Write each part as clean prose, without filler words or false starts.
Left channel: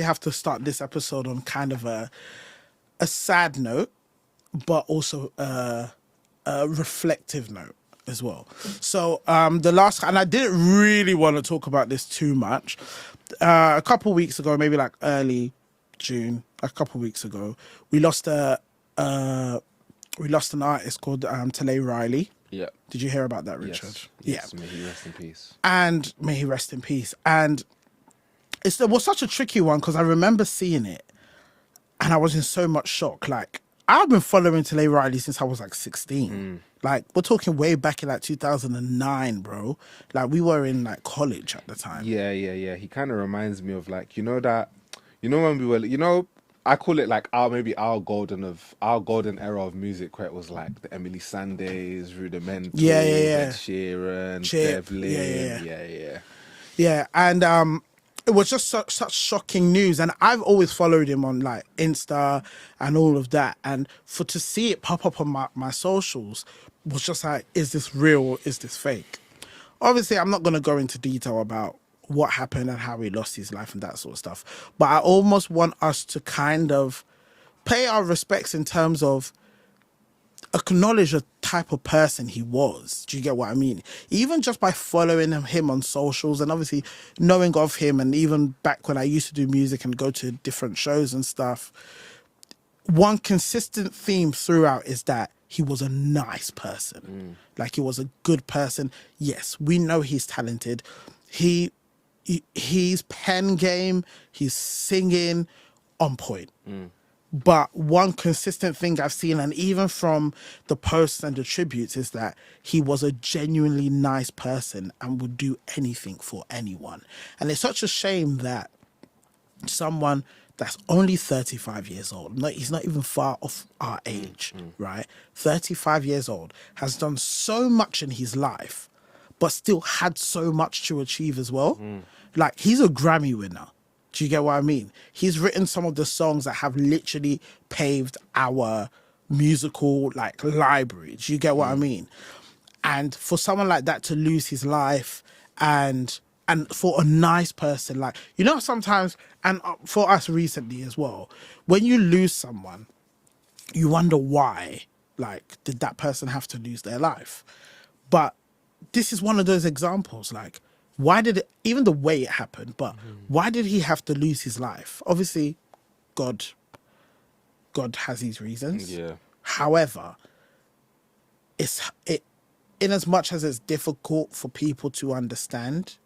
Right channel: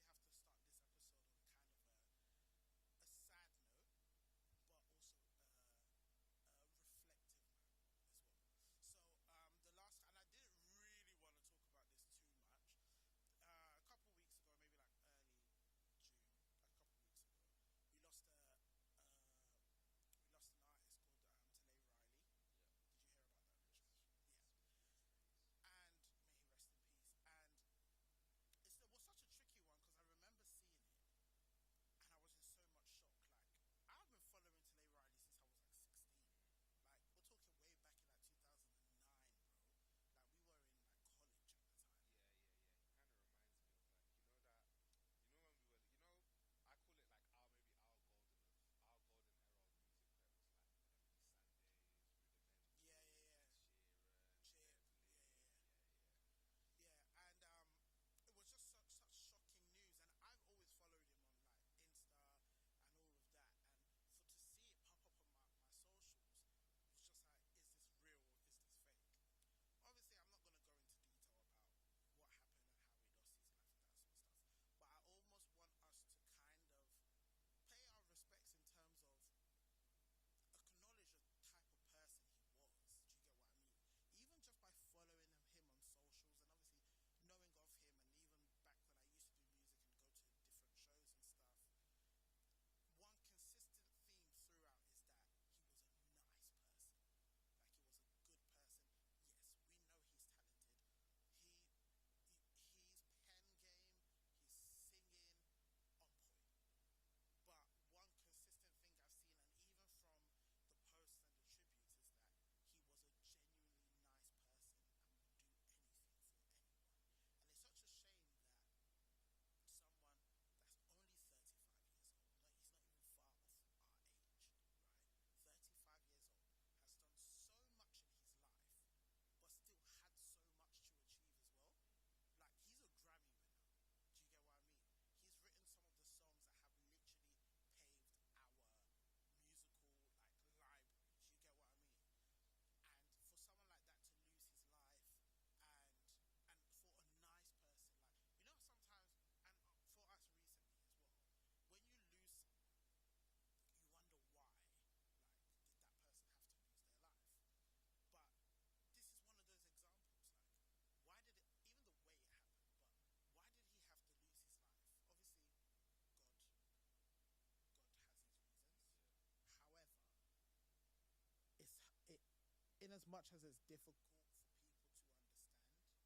actually have to start this episode on kind of a sad note, but also a reflective note as well. So the last, and I didn't really want to talk about this too much. A couple weeks ago, maybe like early June, a couple weeks ago, we lost an artist called Talay Riley. Yeah. Did you hear about that, Richard? Yes. May he rest in peace. And may he rest in peace. And it was such a tricky one because I remember seeing it and I was in so much shock. Like, I've been following Talay Riley since I was like 16. Like, we're talking way back in like 2009, bro. Like, we were in like college at the time. Yeah. He kind of reminds me of like, when we were, I call it like our golden era of music, where it was like the Emily Sandays, Rudimental, Ed Sheeran, Devlin. Yeah, and it was just such shocking news, and I've always followed him on like Insta and all of that, and to see it pop up on my socials was just like, is this real or is this fake? Obviously, I'm not going to go into detail about what happened and how he lost his life and that sort of stuff, but I almost want us to kind of pay our respects in terms of acknowledge the type of person he was. Do you get what I mean? Even just by following him on socials and obviously knowing of him, and even back when I used to do music and go to different shows and stuff, one consistent theme throughout is that he was a nice person. Like, he was a good person. Yes, we know he's talented. His pen game, his singing, on point. But one consistent thing I've seen, and even from the posts and the tributes, is that he was a genuinely nice person and would do anything for anyone. And it's such a shame that someone that's only 35 years old, he's not even far off our age, right? 35 years old, has done so much in his life, but still had so much to achieve as well. Like, he's a Grammy winner. Do you get what I mean? He's written some of the songs that have literally paved our musical like library. Do you get what I mean? And for someone like that to lose his life, and for a nice person, like, sometimes, and for us recently as well, when you lose someone, you wonder why. Like, did that person have to lose their life? But this is one of those examples. Like, why did it, even the way it happened, but why did he have to lose his life? Obviously, God has his reasons. Yeah. However, in as much as it's difficult for people to understand,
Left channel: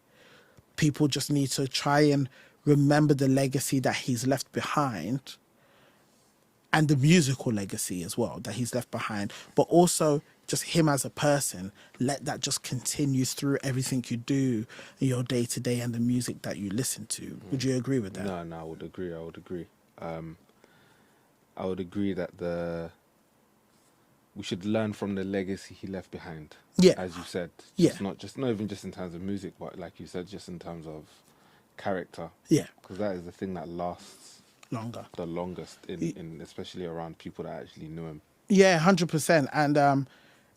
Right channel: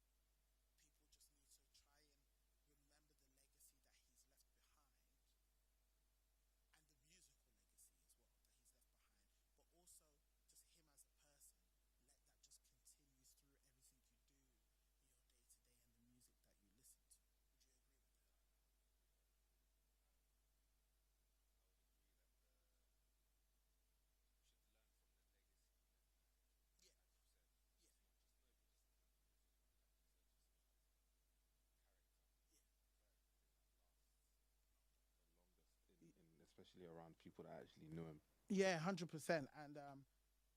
people just need to try and remember the legacy that he's left behind, and the musical legacy as well that he's left behind, but also just him as a person. Let that just continue through everything you do in your day to day and the music that you listen to. Would you agree with that? No, I would agree. I would agree that we should learn from the legacy he left behind. Yeah, as you said. Yeah, not even just in terms of music, but like you said, just in terms of character. Yeah, because that is the thing that lasts the longest in especially around people that actually knew him. Yeah, 100%. And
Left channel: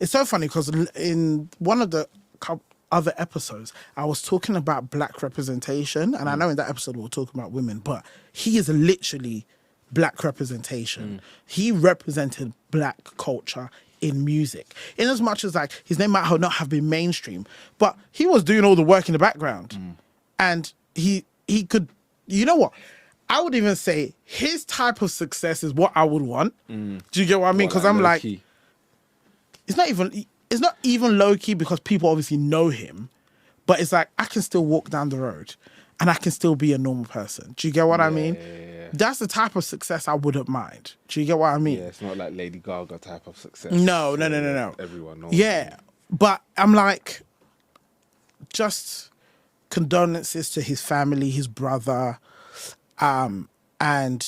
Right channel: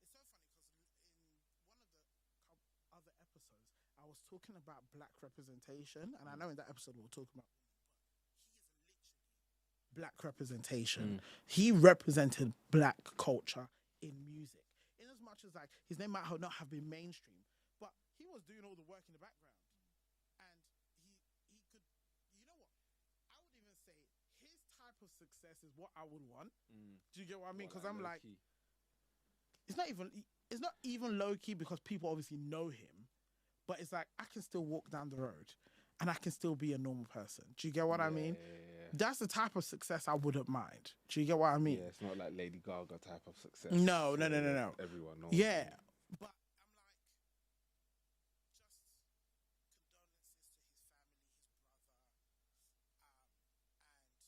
it's so funny because in one of the other episodes, I was talking about black representation, and I know in that episode we were talking about women, but he is literally black representation. He represented black culture in music, in as much as like his name might not have been mainstream, but he was doing all the work in the background, and he could, you know what? I would even say his type of success is what I would want. Do you get what I mean? Because I'm like, it's not even low key because people obviously know him, but it's like I can still walk down the road and I can still be a normal person. Do you get what I mean? Yeah. That's the type of success I wouldn't mind. Do you get what I mean? Yeah, it's not like Lady Gaga type of success. No. Everyone knows. Yeah, but I'm like, just condolences to his family, his brother, and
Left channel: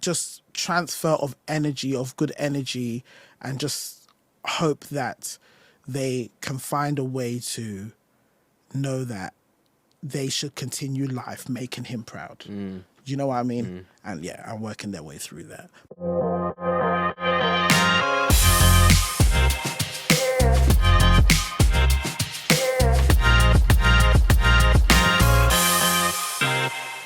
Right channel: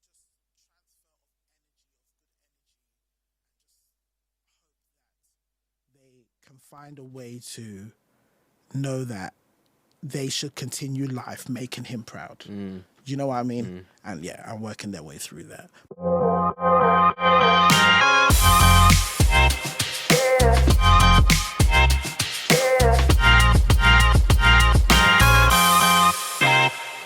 just transfer of energy, of good energy, and just hope that they can find a way to know that they should continue life making him proud. You know what I mean? And yeah, I'm working their way through that.